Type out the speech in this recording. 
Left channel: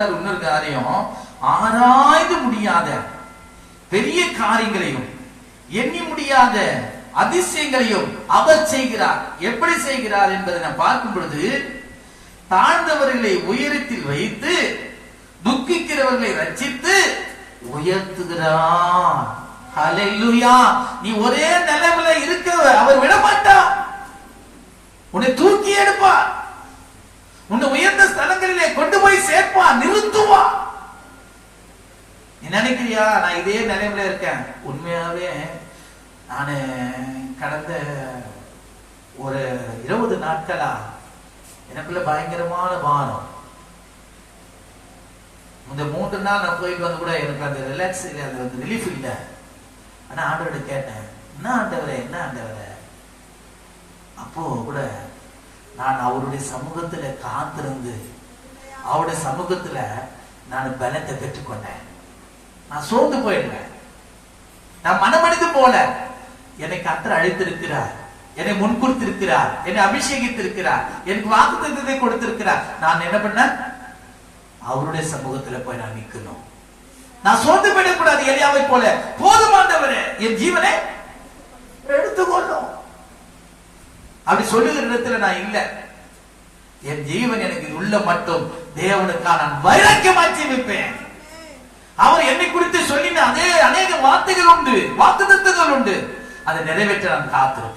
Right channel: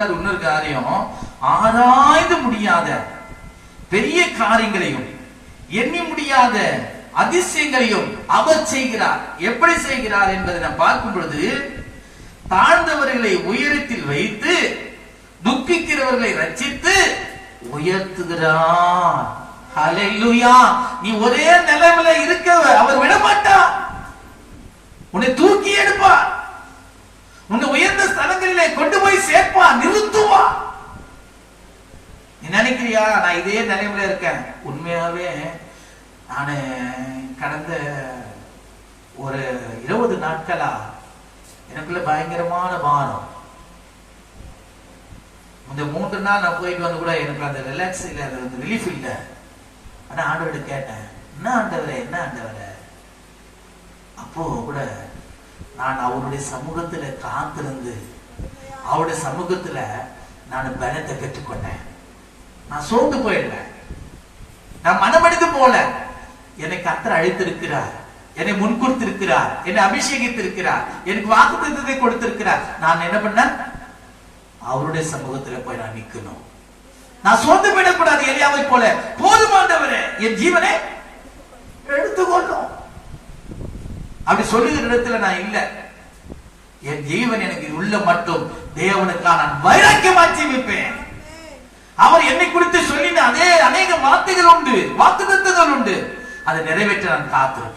இன்னொரு காரியம். ஆராய்ந்து முடியாத பெரிய காரியங்களையும் எண்ணி முடியாத அதிசயங்களையும் அவர் செய்கிறார். எப்படி செய்கிறார் என்பதை நாம் பார்க்கும் பொழுது தாழ்ந்தவர்களை உயரத்தில் வைத்து துக்கிக்கிறவர்களை ரச்சித்து உயர்த்துகிறார். ஹalleluya. நீ ஒரே நிலைமையில இருக்க அவர் விட மாட்டார் உன்னை தூக்கி எடு உன்னை உயர்ந்த ஸ்தலங்களிலே கொண்டு போய் சேர்ப்பா நிறுத்துவா. நினைக்கிறியா? நான் இதே நிலைமையில இருக்கேன். உண்மையாவே நான் கடந்த ஒரு இருபது நாட்களா எனக்குள்ள பயங்கரமான பானம். இந்த மூன்று நாள் நான் போயிட்டு வந்து கூட எனக்கு அந்த ரிலாக்ஸ் இல்லை அது வந்து ரிலீஃப் இல்லை. ஆனா ஆண்டவர்கிட்ட கேட்டேன் என்ன ஆண்டவரே என்ன ஆண்டவரே? அப்போ கூட நான் அவருடைய சமூகத்துல காத்திருந்து அவருடைய சமூகத்துல நான் பலத்தை பெற்றுக்கொண்டேன். நான் சோர்ந்து போயிடுவேன் நான் மனமடைந்து போல. என்னை கத்தர் அழைத்திருக்கிறார். என்னை முன்கொடுத்திருக்கிறார் என்னை அபிஷேகித்திருக்கிறார். எனக்கு வாக்குத்தத்தை கொடுத்திருக்கிறார். நான் என்ன பண்ணேன்? அவருடைய சமூகத்துல போய் நான் நிக்கணும் நான் சோர்ந்து போயிடக்கூடாது எலியாவை போல. போதுமானவரே என் ஜீவனை எடுத்துக்கொள்ளும். அப்படி சொல்லுகிற இடத்துல நான் இல்ல. என் ஜீவன் எனக்கு உள்ள மட்டும் தேவனுக்காக நான் வைராக்கியமா ஜீவிப்பேன் அவர் என்னை குறித்து சொல்லின அதே அநேக வார்த்தைகள் உண்டு வாக்குத்தத்தங்கள் உண்டு. அதை நிறைவேற்ற நான் காத்திருப்பேன்.